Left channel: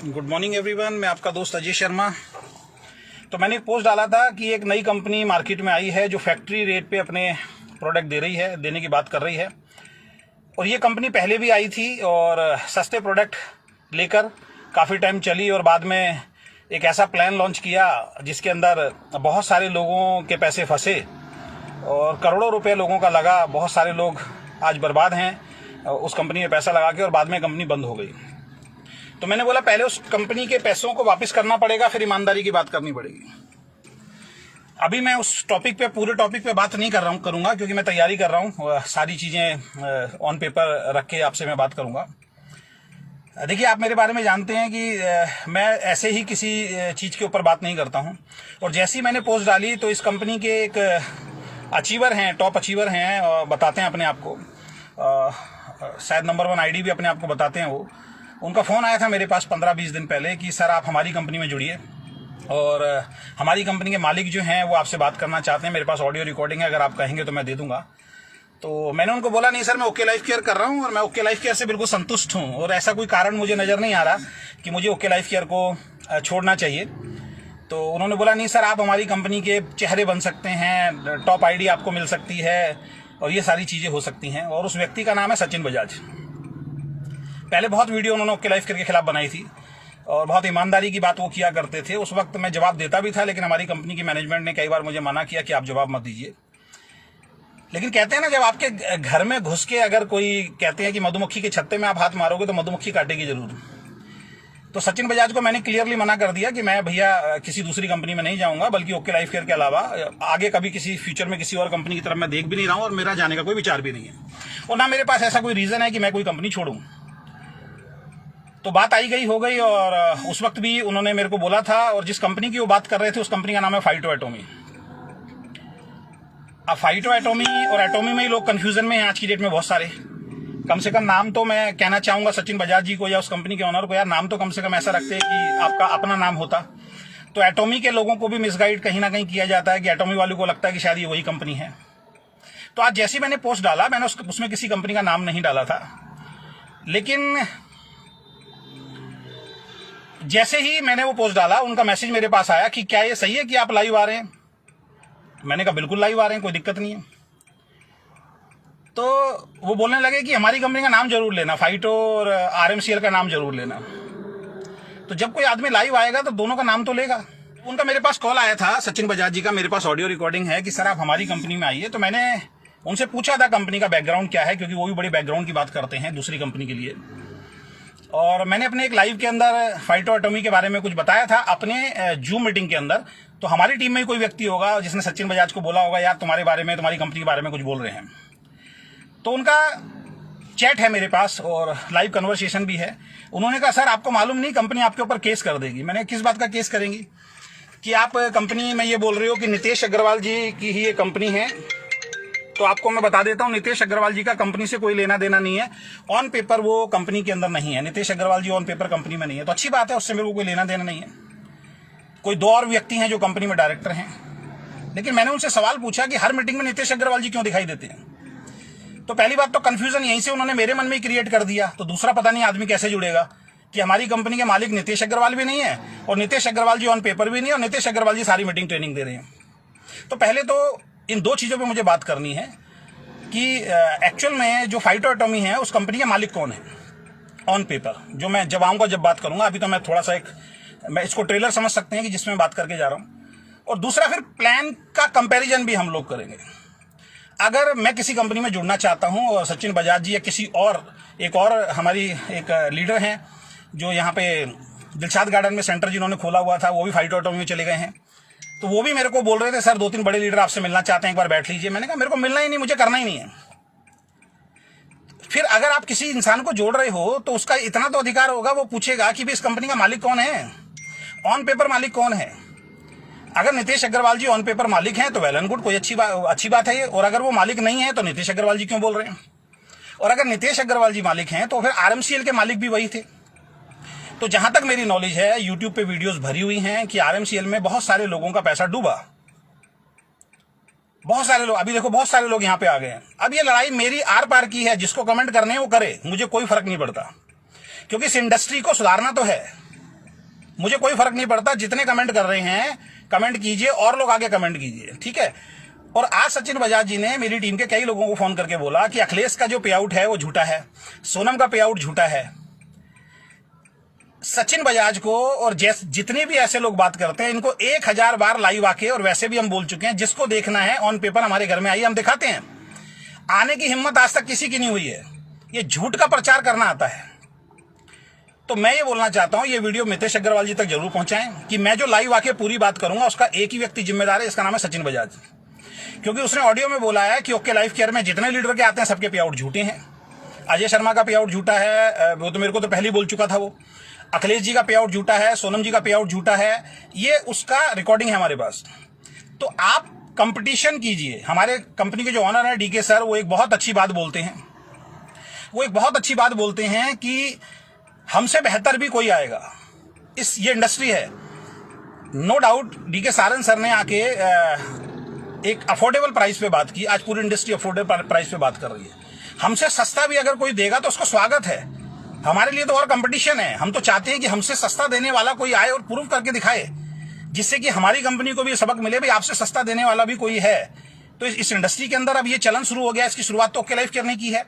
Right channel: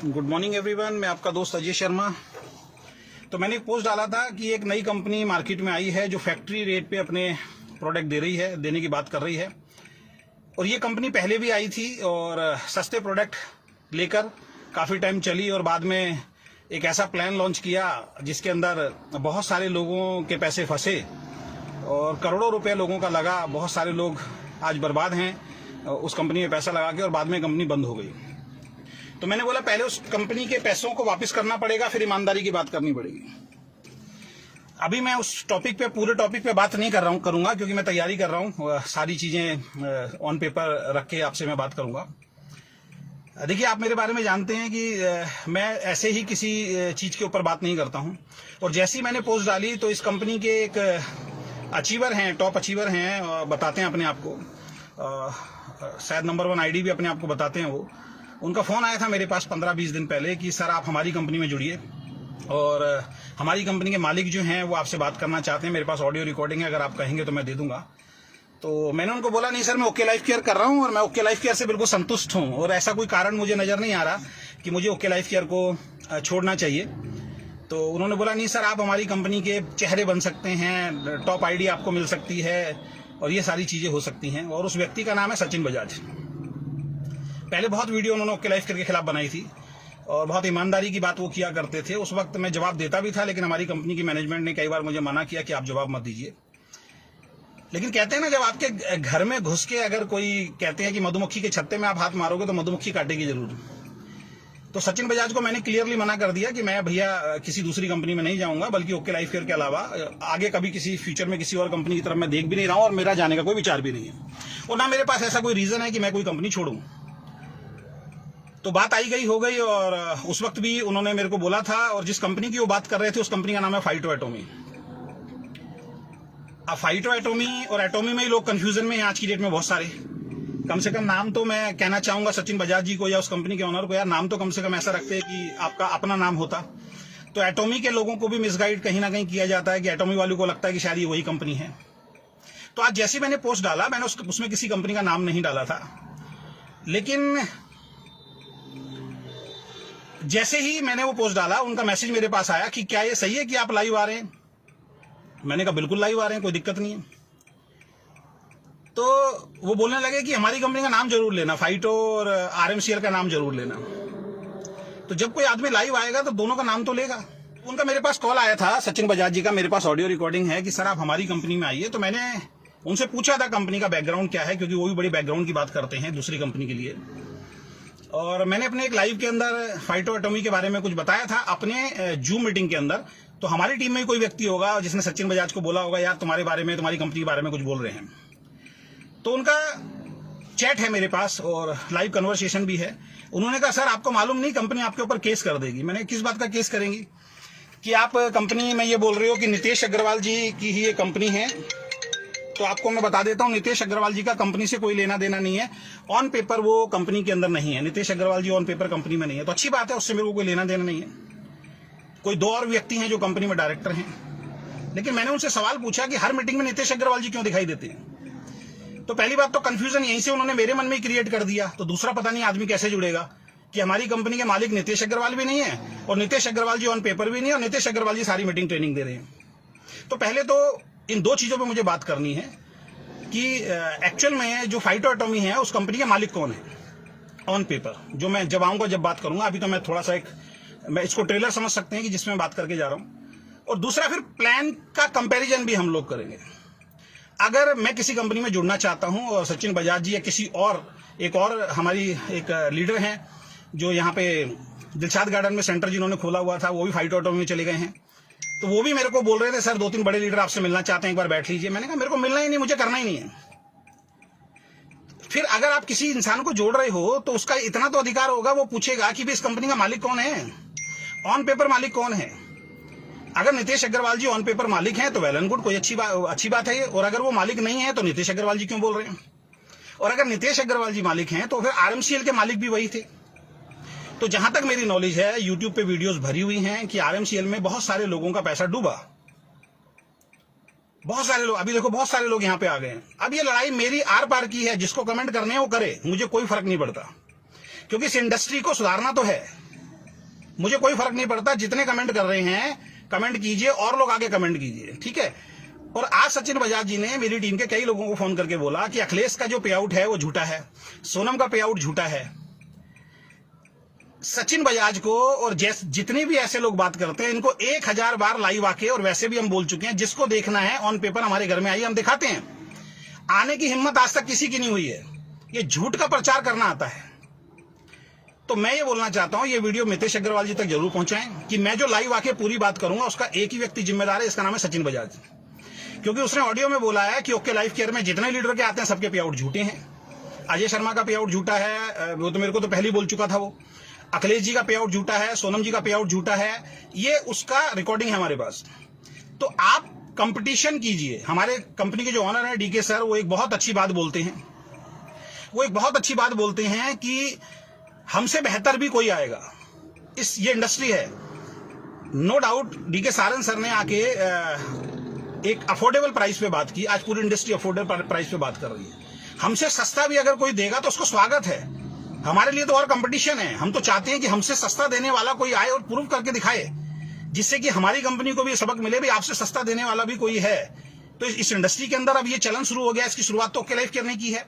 Good morning everyone, मैं आपका दोस्त अजय शर्मा। तो मैंने एक पोस्ट डाला था कि एक नई कंपनी मार्केट में आई है जो फैक्ट्री रेट पे अपने प्रोडक्ट दे रही है, देने की बात कर रही है। और ये कंपनी पहले भी आई थी और सस्ते प्रोडक्ट लेकर काफ़ी टाइम चली और बाद में एक ऐसा प्लान लॉन्च किया जिसके अंदर बहुत सारे लोगों के पैसे फंसे और करोड़ों रुपए लोगों का लगा। बहुत सारे लोग आज बर्बाद हैं उस कंपनी में पैसा लगा के, और बाद में कंपनी बंद हो गई। तो मैंने बोला पहले उस कंपनी के पैसों को वापस करना पड़ेगा, फिर ईमानदारी की बात करनी पड़ेगी। अभी मैं उस टॉपिक पे, पूरे टॉपिक पे बात नहीं करूंगा क्योंकि मैं तैयारी कर रहा हूं। सारी चीजें ऑन पेपर रख के आपसे मैं बात करूंगा। देखिए, आप मेरे बारे में जानते हैं कि मैं ऐसे ही किसी चीज के ऊपर बात नहीं करता हूं। और जैसे ही मैंने पोस्ट डाली तो इस कंपनी के एक अचीवर हैं, टॉप अचीवर हैं, बताते हैं अपने आप को, शायद नंबर 1 आईडी भी अपने आप को बताते हैं वो। उनका फ़ोन आया था मेरे पास 15-20 दिन पहले कि सर आप हमारी कंपनी में जुड़िए और हमारी कंपनी के मालिक जो हैं वो आपसे बात करना चाहते हैं। मेरे पास ऑडियो रिकॉर्डिंग है, अगर आप कहेंगे तो मैं दे दूंगा। तो मैंने उनको बोला नहीं सर, मैं ओके लाइफ केयर कर रहा हूं और मैं ओके लाइफ केयर से बिल्कुल संतुष्ट हूं और ऐसा कोई कारण मुझे नज़र नहीं आ रहा कि मुझे ओके लाइफ केयर को छोड़ना चाहिए। तो उन्होंने बोला नहीं सर, आप हमारी कंपनी के चेहरे बन सकते हैं, टॉप आईडी आपको मिल सकती है और ये सारी चीज़ें हो सकती हैं। और उस व्यक्ति का नाम है सचिन बजाज। पहले बहुत वीडियो उन्होंने ओके लाइफ केयर के खिलाफ बनाई थी और बहुत ईमानदारी की बात वो किया करते थे। उस वक्त मैं जवाब देता भी था, लेकिन हमारी कंपनी की मैनेजमेंट ने कई बार मुझे मना किया कि आप जवाब मत दीजिए। लेकिन कहते हैं ना, जब आपके घर में घुस के अगर कोई कहते हैं कि मधुमक्खी के छत्ते में आप हाथ मारोगे तो मधुमक्खी काटेगी जरूर। तो सचिन बजाज को मैंने क्लियरली मना कर दिया कि मैं भैया किसी दूसरी कंपनी में नहीं जाऊंगा, बल्कि ओके लाइफ केयर के अलावा आगे कभी किसी फ्यूचर में किसी और कंपनी की तरफ मैं देख भी नहीं रहा हूं और मेरा जाने का कोई विचार भी नहीं है और ना मेरे पास ऐसा कोई रीजन है कि मैं कोई कंपनी छोड़ूं। तो बात आई गई हो गई और उस वक्त भी उन्होंने मेरे को बोला था, और जिस कंपनी की वो बात कर रहे थे उस कंपनी का नाम है फाइटो एटॉमी। अब फाइटो एटॉमी और एटॉमी में ही लोग कंफ्यूजन में हैं आज की डेट में बहुत सारे। कम से कम नाम तो मैं कहना चाहूंगा सचिन बजाज जी को या उस कंपनी के ओनर को, यार नाम तो कम से कम ऐसा रखते हैं कि आपका अपना नाम होता। तो एटॉमी के लोगों को भी मिसगाइड कहीं ना कहीं किया जाता है कि एटॉमी वालों को लगता है कि शायद ये वही कंपनी है। तो आज जैसे मैंने पोस्ट डाला, मैंने उसमें किसी कंपनी का नाम नहीं डाला था, लेकिन जैसे ही मैंने वो पोस्ट डाला उनका मैसेज मेरे पास आया कि क्या ये सही है कि आप लाइव आ रहे हैं। मैंने कहा बिल्कुल लाइव आ रहे हैं, कोई दिक्कत नहीं है। तो वो बोलने लगे कि हमारी कंपनी का नाम जरूर लेना, फाइटो और आरएमसीएल का नाम जरूर लेना। तो जब कोई आदमी लाइव आएगा तो दोनों का नाम तो लेगा। उनका मेरे पास कॉल आया था सचिन बजाज जी का, मेरे पास ऑडियो रिकॉर्डिंग है कि सर आप हमारी कंपनी में आइए। तो मैंने उनसे पूछा था कंपनी का बैकग्राउंड क्या है, क्योंकि वो भी बड़ी बैकग्राउंड की बात करते हैं दूसरी कंपनी के लिए। और मैंने अपने एक लाइव के अंदर फाइटो एटॉमी के बारे में कुछ बताया था अपने जूम मीटिंग के अंदर। तो हमारी टीम में कोई व्यक्ति होगा जिसने सचिन बजाज को बोला होगा यार तुम्हारे बारे में, तुम्हारी कंपनी के बारे में कुछ बोल रहे हैं। तो उनका चैट है मेरे पास और लाइव कन्वर्सेशन भी है। उन्होंने कहा सर आपको मालूम नहीं, कंपनी आपके ऊपर केस कर देगी। मैंने किस बात का केस करेंगी? कि आप कंपनी में ये बोल रहे हो कि नितेश अग्रवाल जी की ही ये कंपनी है। तो आपको मैं बता देता हूं, नितेश अग्रवाल जी का कंपनी से कोई लेना देना नहीं है। ऑन पेपर वो कंपनी के अंदर नहीं है, नितेश अग्रवाल जी ऑन पेपर कंपनी में नहीं है। तो अच्छी बात है, उससे मेरे को कोई लेना देना नहीं है। कोई 2 और व्यक्ति हैं जो कंपनी में डायरेक्टर हैं। लेकिन मैंने उनसे सवाल पूछा कि हर मीटिंग में नितेश अग्रवाल जी क्यों दिखाई देते हैं। तो पहली बात तो कंफ्यूजन यहीं से उन्होंने मेरे मन में ही क्रिएट कर दिया। तो दूसरा पता नहीं आदमी कैसे जुड़ेगा कि हमारी कंपनी के मालिक नितेश अग्रवाल भी नहीं है और नितेश अग्रवाल जी ऑन पेपर भी नहीं है और नितेश अग्रवाल जी सारी मीटिंग ट्रेनिंग दे रहे हैं। तो पहले तो इन 2 चीजों पे मुझे बात करनी है कि एक्चुअल में जो फाइटो एटॉमी है उस कंपनी का मालिक कौन है ऑन पेपर। जो मैं जब आऊंगा, जब बात करूंगा, अभी तो मैं थोड़ा सा मैं इसको ट्रेलर समझ सकते हैं कि जिसमें बात करके जा रहा हूं। और दूसरा फिर प्लान का कंपैरिजन भी हम लोग करेंगे। अगर मैं किसी कंपनी में जुड़ना चाहता हूं और सचिन बजाज जी या किसी और एक और हमारी एक लीडर हैं जो यहाँ पे दिलशाद गार्डन में सेंटर जिन्होंने खोला हुआ था, वो भी फाइटो एटॉमी में चले गए हैं। तो वो भी मेरे को बोल रहे थे सर 2-3 बड़े लीडर आपसे मिलना चाहते हैं, एक बार बैठ लीजिए। मैंने कहा मेरे को मिलना ही नहीं, मुझे करना ही नहीं है। फिर अगर आप किसी इंसान को जोड़ रहे हो तो उसका इतना तो अधिकार होगा, वो पूछेगा कि भी इस कंपनी का मालिक कौन है, ऑन पेपर मालिक कौन है। अगर नितेश अग्रवाल जी ऑन पेपर मालिक हैं तो वेल एंड गुड, कोई अच्छी बात है ये। और अगर वो मालिक नहीं है तो नितेश अग्रवाल जी क्यों बोल रहे हैं। और अगर नितेश अग्रवाल जी मालिक हैं तो फिर आरएमसीएल के मालिक भी वही थे। तो जहां तक मेरी नॉलेज है, यूट्यूब पे वीडियोस भरी हुई हैं कि आरएमसीएल में बहुत सारे लोगों का पैसा डूबा। बहुत सारे लोग, अभी देखो बहुत सारे लोग यहां पे आ गए हैं। अब ये लड़ाई मेरी आर पार की है, जिसको कमेंट करने हैं वो करे, मुझे कोई फर्क नहीं पड़ता, क्योंकि इस इंडस्ट्री को सुधारना तो है। मुझे कोई फर्क नहीं पड़ता, जितने कमेंट कर रहे हैं कमेंट कीजिए और लोग आगे कमेंट कीजिए, ठीक है। और आज सचिन बजाज जी ने मेरी टीम के कई लोगों को फोन करके बोला कि अखिलेश का जो पे आउट है वो झूठा है, सोनम का पे आउट झूठा है। सचिन बजाज को और जितने भी ऐसे लोग बात करते हैं इनको 1000 बार लाइव आके, और वैसे भी हम बोल चुके हैं, जिसको देखना है ऑन पेपर हमारे घर में आइए, हम दिखाते हैं। आने की हिम्मत आज तक किसी की नहीं हुई है, ये झूठ का प्रचार करना आता है। तो मैं ये बोलना चाहता हूं, ये वीडियो मितेश अग्रवाल जी तक जरूर पहुंचाएं कि मैं जो लाइव आके पूरी बात करूंगा उसका एक ही व्यक्ति जिम्मेदार है, इसका नाम है सचिन बजाज। क्योंकि उसने ऑडियो में बोला है कि ओके लाइफ केयर में जितने लीडर के आते हैं सबके पे आउट झूठे हैं। अजय शर्मा का पे आउट झूठा है, वो तो मेरे को तो पहले ही बोल चुका था वो। अखिलेश जी का पे आउट झूठा है, सोनम जी का पे आउट झूठा है, ये उसका रिकॉर्डिंग है हमारे पास। तो आप कंपटीशन कीजिए। हमारे कंपनी के जो ऑनर है डीके सर, वो एक बहुत अच्छी बात बोलते हैं, वो एक बहुत अच्छी बात बोलते हैं कि हमसे बेहतर भी कोई आएगा, ये इंडस्ट्री है। No doubt DK Saran sir ने आके एक अफोर्डेबल प्राइस पे बात की। आज पूरी इंडस्ट्री अफोर्डेबल प्राइस पे बात कर रही है। हमसे सस्ता भी अगर कोई देगा तो उसका स्वागत है। हमारे लिए तो और कंपटीशन है। हम तो चाहते हैं कि हमसे सस्ता देने वाला कोई आए और प्रूव करके दिखाए, जिससे कि हमारी कंपनी को भी सबक मिले, भाई आपसे सस्ता देने वाला भी कोई है। तो इस इंडस्ट्री के अंदर अब ये चलन शुरू हो गया। इसकी शुरुआत तो ओके लाइफ करने की है।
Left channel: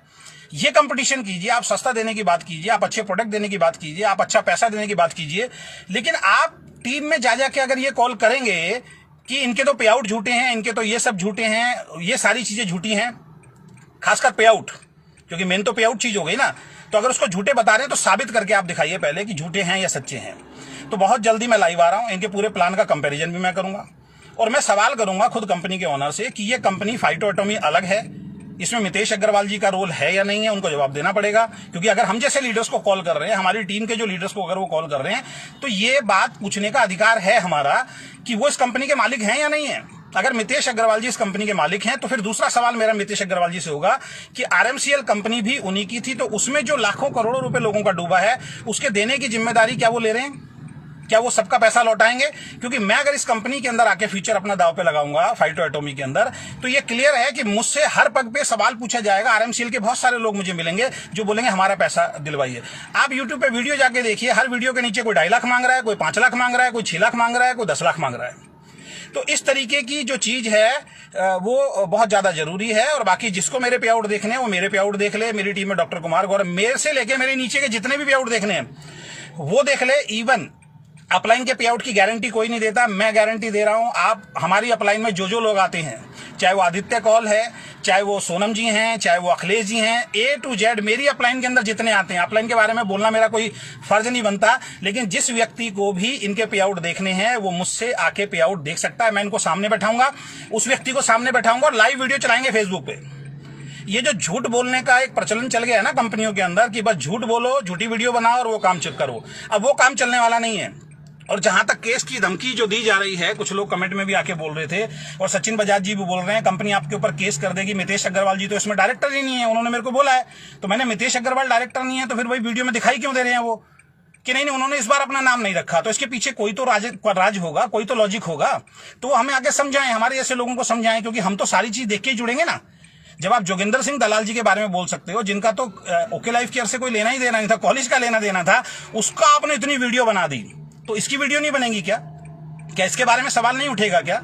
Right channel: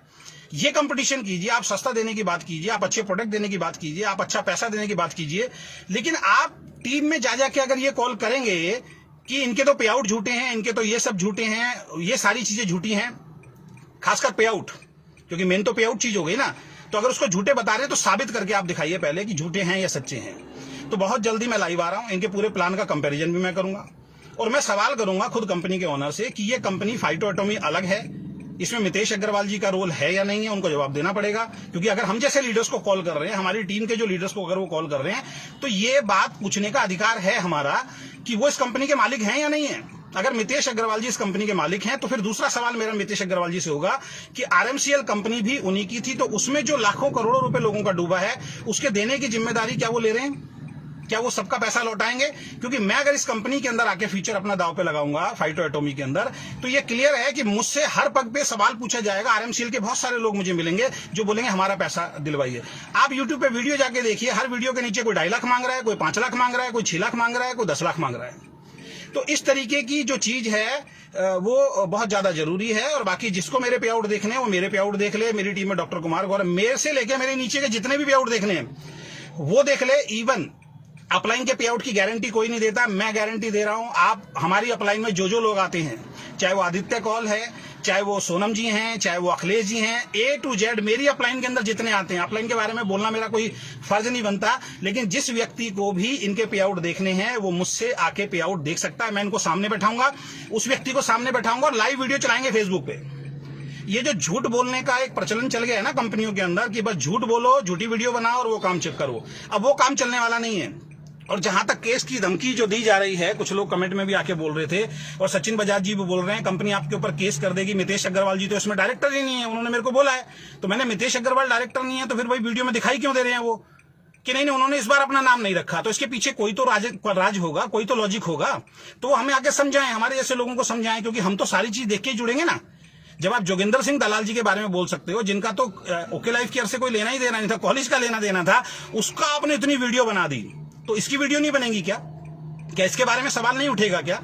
ये कंपटीशन कीजिए, आप सस्ता देने की बात कीजिए, आप अच्छे प्रोडक्ट देने की बात कीजिए, आप अच्छा पैसा देने की बात कीजिए। लेकिन आप टीम में जा जाके अगर ये कॉल करेंगे कि इनके तो पे आउट झूठे हैं, इनके तो ये सब झूठे हैं, ये सारी चीजें झूठी हैं, खासकर पे आउट, क्योंकि मेन तो पे आउट चीज हो गई ना। तो अगर उसको झूठे बता रहे हैं तो साबित करके आप दिखाइए पहले कि झूठे हैं या सच्चे हैं। तो बहुत जल्दी मैं लाइव आ रहा हूं, इनके पूरे प्लान का कंपैरिजन भी मैं करूंगा और मैं सवाल करूंगा खुद कंपनी के ओनर से कि ये कंपनी फाइटो एटॉमी अलग है, इसमें मितेश अग्रवाल जी का रोल है या नहीं है, उनको जवाब देना पड़ेगा। क्योंकि अगर हम जैसे लीडर्स को कॉल कर रहे हैं, हमारी टीम के जो लीडर्स को अगर वो कॉल कर रहे हैं, तो ये बात पूछने का अधिकार है हमारा कि वो इस कंपनी के मालिक हैं या नहीं है। अगर मितेश अग्रवाल जी इस कंपनी के मालिक हैं तो फिर दूसरा सवाल मेरा मितेश अग्रवाल जी से होगा कि आरएमसीएल कंपनी भी उन्हीं की थी, तो उसमें जो लाखों करोड़ों रुपए लोगों का डूबा है उसके देने की जिम्मेदारी क्या वो ले रहे हैं? क्या वो सबका पैसा लौटाएंगे? क्योंकि मैं अगर इस कंपनी के अंदर आके फ्यूचर अपना दाव पे लगाऊंगा फाइटो एटॉमी के अंदर, तो ये क्लियर है कि मुझसे हर पग पे सवाल पूछा जाएगा। आरएमसीएल के बहुत सारे लोग मुझे मिलेंगे जो बोलेंगे हमारा पैसा दिलवाइए। आप यूट्यूब पे वीडियो जाके देखिए, हर वीडियो के नीचे कोई 2.5 लाख मांग रहा है, कोई 5 लाख मांग रहा है, कोई 6 लाख मांग रहा है, कोई 10 लाख मांग रहा है। तो इस तरीके की जो चीज है वो बहुत ज्यादा जरूरी है। और बाकी जिसको मेरे पे आउट देखने हैं वो मेरे पे आउट देख ले। मेरी टीम में डॉक्टर कुमार गौरव, मेरे से लेके मेरे नीचे के जितने भी पे आउट देखने हैं वो देख ले। इवन अपलाइन के पे आउट की गारंटी कोई नहीं देता, मैं गारंटी दे रहा हूं। आप हमारी अपलाइन में जो लोग आते हैं, चाहे वो आदित्य कौल है, चाहे वो सोनम जी हैं, चाहे वो अखिलेश जी हैं, A to Z मेरी अपलाइन के अंदर जितने आते हैं, अपलाइन के बारे में बोलना मेरा कोई फर्ज नहीं बनता, लेकिन जिस व्यक्ति को भी इनके पे आउट देखने हैं वो मुझसे आके पे आउट देख सकता है। मैं इनको सामने बैठाऊंगा, उस व्यक्ति को सामने बैठाऊंगा और लाइव वीडियो चलाएंगे फेसबुक पे। ये जो झूठ बोलने का एक प्रचलन चल गया है ना कंपनियों के अंदर कि बस झूठ बोलो, झूठी वीडियो बनाओ और वो काम चेक करो, अब वो काम चलने वाला नहीं है। और जहां तक केस की धमकी जो दी जा रही है, कुछ लोग कमेंट में भी आके बोल रहे थे और सचिन बजाज जी भी बोल रहे हैं कंपनी आपके ऊपर केस कर देगी। मितेश अग्रवाल जी तो इसमें डायरेक्टर ही नहीं है, उन्होंने मेरे को बोला है। तो मैंने मितेश अग्रवाल डायरेक्टर नहीं है तो फिर वही वीडियो में दिखाई क्यों दे रहे हैं वो कि नहीं उन्होंने इस बार अपना नाम नहीं रखा, तो इसके पीछे कोई तो राज होगा, कोई तो लॉजिक होगा। तो हमें आगे समझाएं, हमारे ऐसे लोगों को समझाएं, क्योंकि हम तो सारी चीज देख के ही जुड़ेंगे ना। जब आप जोगिंदर सिंह दलाल जी के बारे में बोल सकते हो, जिनका तो ओके लाइफ केयर से कोई लेना ही देना नहीं था, कॉलेज का लेना देना था, उसका आपने इतनी वीडियो बना दी, तो इसकी वीडियो नहीं बनेगी क्या? क्या इसके बारे में सवाल नहीं उठेगा क्या?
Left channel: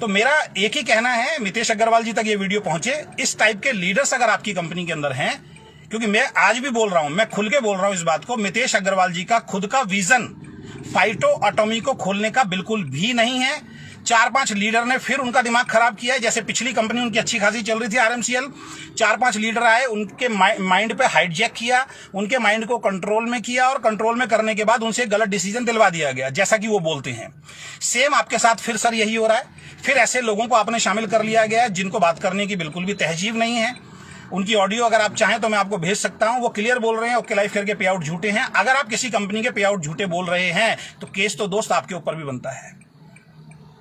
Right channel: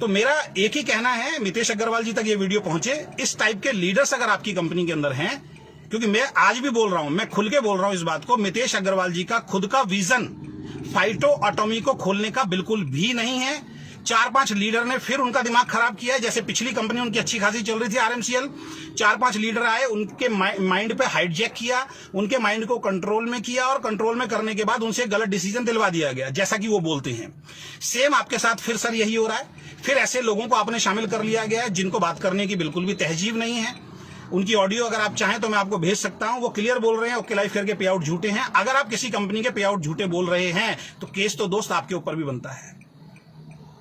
तो मेरा एक ही कहना है, मितेश अग्रवाल जी तक ये वीडियो पहुंचे। इस टाइप के लीडर्स अगर आपकी कंपनी के अंदर हैं, क्योंकि मैं आज भी बोल रहा हूं, मैं खुल के बोल रहा हूं इस बात को, मितेश अग्रवाल जी का खुद का विजन फाइटो एटॉमी को खोलने का बिल्कुल भी नहीं है। 4-5 लीडर ने फिर उनका दिमाग खराब किया है। जैसे पिछली कंपनी उनकी अच्छी खासी चल रही थी आरएमसीएल, 4-5 लीडर आए, उनके माइंड पे हाइजैक किया, उनके माइंड को कंट्रोल में किया और कंट्रोल में करने के बाद उनसे गलत डिसीजन दिलवा दिया गया, जैसा कि वो बोलते हैं। सेम आपके साथ फिर सर यही हो रहा है। फिर ऐसे लोगों को आपने शामिल कर लिया गया जिनको बात करने की बिल्कुल भी तहजीब नहीं है। उनकी ऑडियो अगर आप चाहें तो मैं आपको भेज सकता हूं। वो क्लियर बोल रहे हैं ओके लाइफ करके पे आउट झूठे हैं। अगर आप किसी कंपनी के पे आउट झूठे बोल रहे हैं तो केस तो दोस्त आपके ऊपर भी बनता है,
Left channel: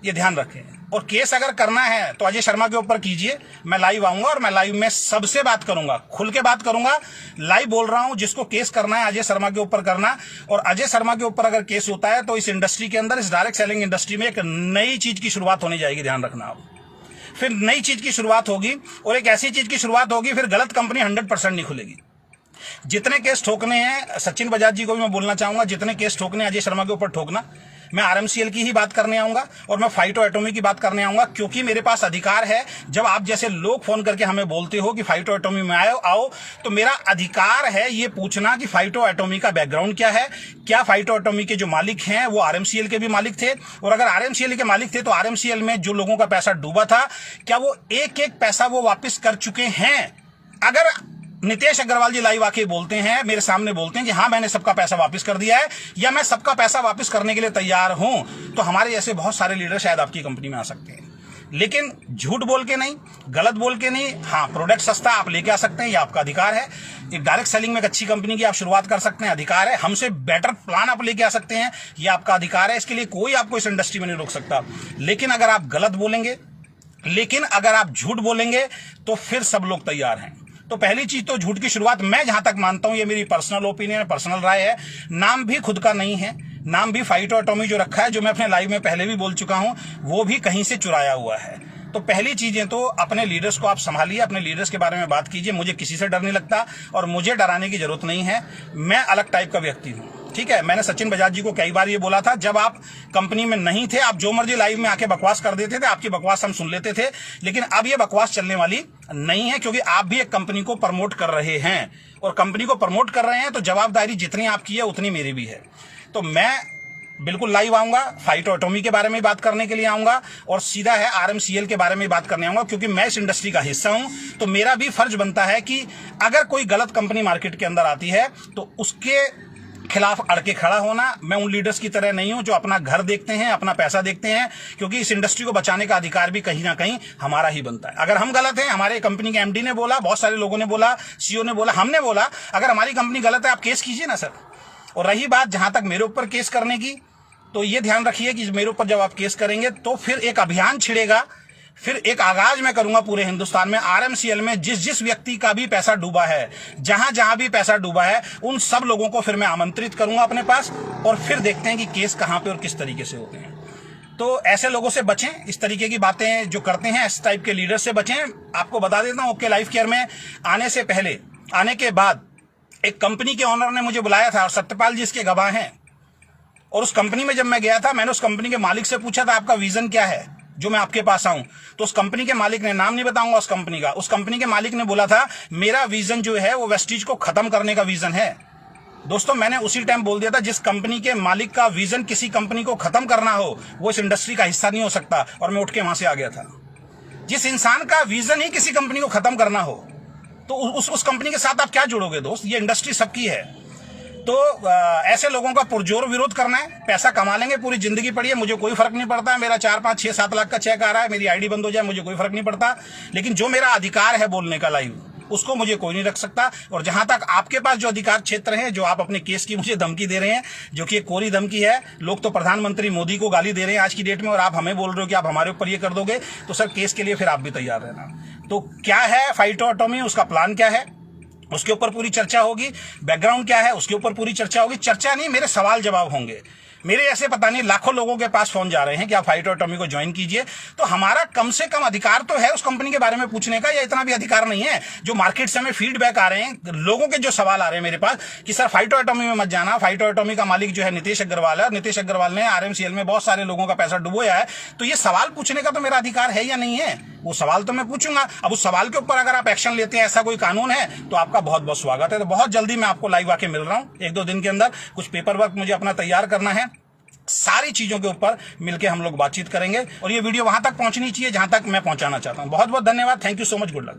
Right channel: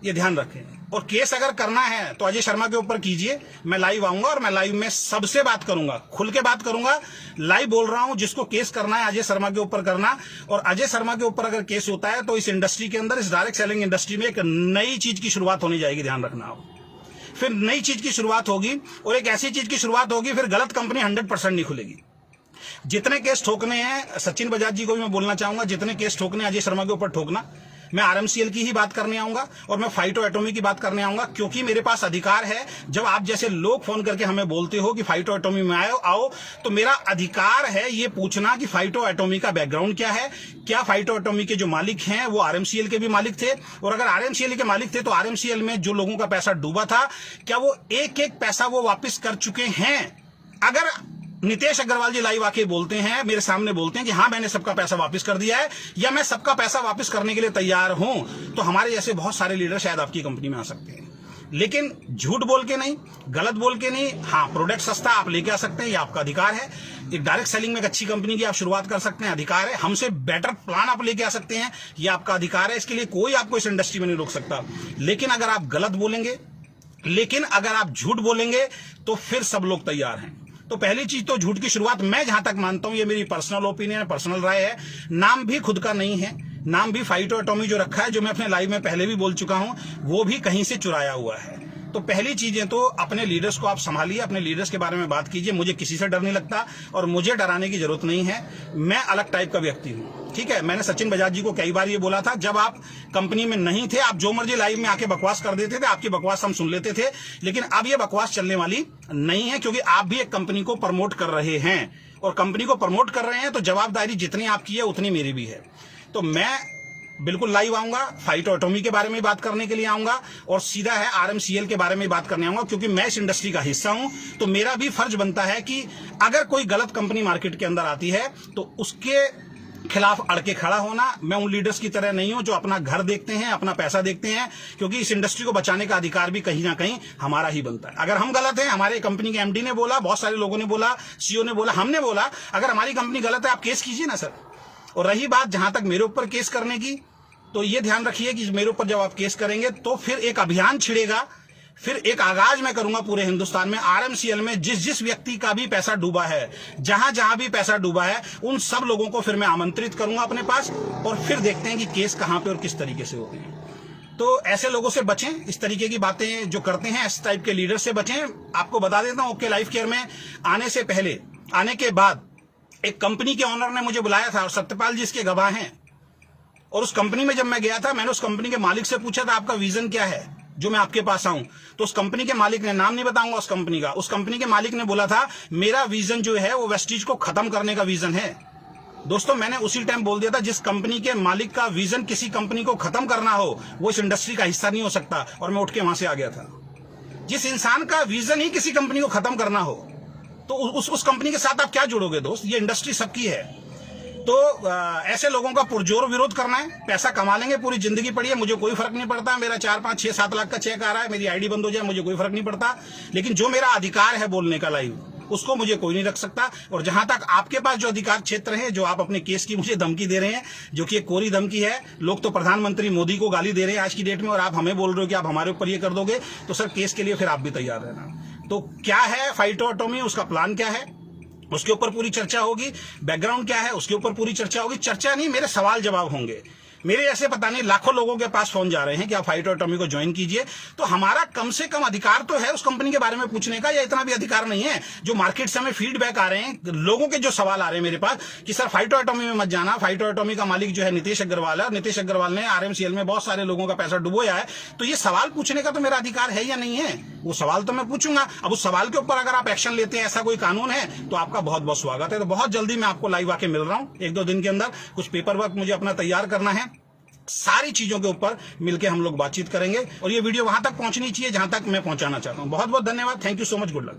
ये ध्यान रखें। और केस अगर करना है तो अजय शर्मा के ऊपर कीजिए, मैं लाइव आऊंगा और मैं लाइव में सबसे बात करूंगा, खुल के बात करूंगा। लाइव बोल रहा हूं, जिसको केस करना है अजय शर्मा के ऊपर करना। और अजय शर्मा के ऊपर अगर केस होता है तो इस इंडस्ट्री के अंदर, इस डायरेक्ट सेलिंग इंडस्ट्री में एक नई चीज की शुरुआत होने जाएगी, ध्यान रखना आप। फिर नई चीज की शुरुआत होगी और एक ऐसी चीज की शुरुआत होगी, फिर गलत कंपनी 100% नहीं खुलेगी। जितने केस ठोकने हैं, सचिन बजाज जी को भी मैं बोलना चाहूंगा, जितने केस ठोकने हैं अजय शर्मा के ऊपर ठोकना। मैं आरएमसीएल की ही बात करने आऊंगा और मैं फाइटो एटॉमी की बात करने आऊंगा, क्योंकि मेरे पास अधिकार है। जब आप जैसे लोग फोन करके हमें बोलते हो कि फाइटो एटॉमी में आओ, तो मेरा अधिकार है ये पूछना कि फाइटो एटॉमी का बैकग्राउंड क्या है। क्या फाइटो एटॉमी के जो मालिक हैं वो आरएमसीएल के भी मालिक थे, और अगर आरएमसीएल के मालिक थे तो आरएमसीएल में जो लोगों का पैसा डूबा था, क्या वो एक एक पैसा वो वापस कर चुके हैं। अगर नितेश अग्रवाल जी लाइव आके बोलते हैं, मेरे सामने बोलते हैं कि हाँ मैंने सबका पैसा वापस कर दिया है या मैं सबका पैसा वापस करने के लिए तैयार हूं, तो हमारे जैसे बहुत सारे लीडर शायद आपकी कंपनी में आ सकते हैं। लेकिन झूठ बोल के नहीं, गलत बोल के नहीं। हाँ, प्रोडक्ट सस्ता आप लेके आ सकते हैं, ये आपका अधिकार है। एक डायरेक्ट सेलिंग में एक अच्छी कंपनी की आप शुरुआत कर सकते हैं, अधिकार है। हमसे बेटर प्लान आप लेके आ सकते हैं, ये आपका अधिकार है। इसके लिए कोई आपको इस इंडस्ट्री में नहीं रोक सकता। लेकिन अगर आप गलत बोलेंगे, लेकिन अगर आप झूठ बोलेंगे, तो फिर सब लोग तैयार हैं। तो पहली चीज तो झूठ की शुरुआत, मैं जहां तक मानता हूं, ये मेरी पर्सनल ओपिनियन है, पर्सनल राय है, नाम भी खुद का नहीं है। नाम भी फाइटो एटॉमी जो रखा है, जो मैं अपने लाइव में पहले भी बोल चुका हूं, वो भी कहीं से चुराया हुआ है। तो पहली चीजें तो अपने लीडर्स को आप संभालिए, अपने लीडर्स के बारे में बात कीजिए। मुझे किसी से डर नहीं लगता और मुझे डराने की जरूरत नहीं है। मैं अलग टाइप का व्यक्ति हूं, ठीक है। मैंने सचिन बजाज जी को कई बार ये बोला था, जब आप कंपनी में नहीं थे, आप जो मर्जी लाइव में आके बकवास कर देते थे, आपकी बकवास हम सुन लेते थे। लेकिन अब ये बकवास चलने वाली नहीं है, क्योंकि आप भी एक कंपनी को प्रमोट कर रहे हैं, और कंपनी को प्रमोट कर रहे हैं तो जवाबदारी जितनी आपकी है उतनी मेरी भी है। तो मैं बिल्कुल लाइव आऊंगा, फाइटो एटॉमी के बारे में बात करने के लिए आऊंगा, और सीधा है आरएमसीएल के बारे में बात करने आऊंगा, क्योंकि मैं इस इंडस्ट्री का हिस्सा हूं। तो मेरा भी फर्ज बनता है कि अगर कोई गलत कंपनी मार्केट के अंदर आती है तो उसके खिलाफ अड़के खड़ा होना। मैं उन लीडर्स की तरह नहीं हूं जो अपना घर देखते हैं, अपना पैसा देखते हैं, क्योंकि इस इंडस्ट्री को बचाने का अधिकार भी कहीं ना कहीं हमारा ही बनता है। अगर हम गलत हैं, हमारे कंपनी के एमडी ने बोला, बहुत सारे लोगों ने बोला, सीईओ ने बोला, हमने बोला, अगर हमारी कंपनी गलत है आप केस कीजिए ना सर। और रही बात जहां तक मेरे ऊपर केस करने की, तो ये ध्यान रखिए कि मेरे ऊपर जब आप केस करेंगे तो फिर एक अभियान छिड़ेगा, फिर एक आगाज मैं करूंगा पूरे हिंदुस्तान में। आरएमसीएल में जिस जिस व्यक्ति का भी पैसा डूबा है, जहां जहां भी पैसा डूबा है, उन सब लोगों को फिर मैं आमंत्रित करूंगा अपने पास, और फिर देखते हैं कि केस कहां पे और किस तरीके से होते हैं। तो ऐसे लोगों से बचें, इस तरीके की बातें जो करते हैं, इस टाइप के लीडर से बचें। आपको बता देता हूं, ओके लाइफ केयर में आने से पहले, आने के बाद एक कंपनी के ओनर ने मुझे बुलाया था, और सत्यपाल जी इसके गवाह हैं। और उस कंपनी में जब मैं गया था, मैंने उस कंपनी के मालिक से पूछा था आपका विजन क्या है जो मैं आपके पास आऊं। तो उस कंपनी के मालिक ने, नाम नहीं बताऊंगा उस कंपनी का, उस कंपनी के मालिक ने बोला था मेरा विजन जो है वो वेस्टीज को खत्म करने का विजन है। दोस्तों, मैंने उसी टाइम बोल दिया था, जिस कंपनी के मालिक का विजन किसी कंपनी को खत्म करना हो, वो इस इंडस्ट्री का हिस्सा नहीं हो सकता। और मैं उठ के वहां से आ गया था। जिस इंसान का विजन ही किसी कंपनी को खत्म करना हो, तो उस कंपनी के साथ आप क्या जुड़ोगे दोस्त। ये इंडस्ट्री सबकी है। तो ऐसे लोगों का पुरजोर विरोध करना है। पैसा कमा लेंगे, पूरी जिंदगी पड़ी है, मुझे कोई फर्क नहीं पड़ता है। मेरा 4, 5, 6, 7 लाख का चेक आ रहा है, मेरी आईडी बंद हो जाए, मुझे कोई फर्क नहीं पड़ता। लेकिन जो मेरा अधिकार है बोलने का लाइव, उसको मुझे कोई नहीं रख सकता। और जहां तक आपके पास जो अधिकार क्षेत्र है, जो आप अपने केस की मुझे धमकी दे रहे हैं, जो कि एक कोरी धमकी है, लोग तो प्रधानमंत्री मोदी को गाली दे रहे हैं आज की डेट में, और आप हमें बोल रहे हो कि आप हमारे ऊपर ये कर दोगे, तो सर केस के लिए फिर आप भी तैयार रहना। तो क्या है फाइटो एटॉमी, उसका प्लान क्या है, उसके ऊपर पूरी चर्चा होगी। बैकग्राउंड क्या है, उसके ऊपर पूरी चर्चा होगी। चर्चा नहीं, मेरे सवाल जवाब होंगे। मेरे ऐसे पता नहीं लाखों लोगों के पास फोन जा रहे हैं कि आप फाइटो एटॉमी को ज्वाइन कीजिए। तो हमारा कम से कम अधिकार तो है उस कंपनी के बारे में पूछने का, या इतना भी अधिकार नहीं है। जो मार्केट से हमें फीडबैक आ रहे हैं, लोगों के जो सवाल आ रहे हैं मेरे पास कि सर फाइटो एटॉमी में मत जाना, फाइटो एटॉमी का मालिक जो है नितेश अग्रवाल है, नितेश अग्रवाल ने आरएमसीएल में बहुत सारे लोगों का पैसा डुबोया है। तो ये सवाल पूछने का तो मेरा अधिकार है या नहीं है, वो सवाल तो मैं पूछूंगा। अब उस सवाल के ऊपर अगर आप एक्शन लेते हैं, ऐसा कोई कानून है, तो आपका बहुत बहुत स्वागत है। तो बहुत जल्दी मैं आपको लाइव आके मिल रहा हूं, 1-2 दिन के अंदर। कुछ पेपर वर्क मुझे अपना तैयार करना है, सारी चीजों के ऊपर मिलकर हम लोग बातचीत करेंगे। और ये वीडियो वहां तक पहुंचनी चाहिए जहां तक मैं पहुंचाना चाहता हूं। बहुत बहुत धन्यवाद, thank you so much, good luck.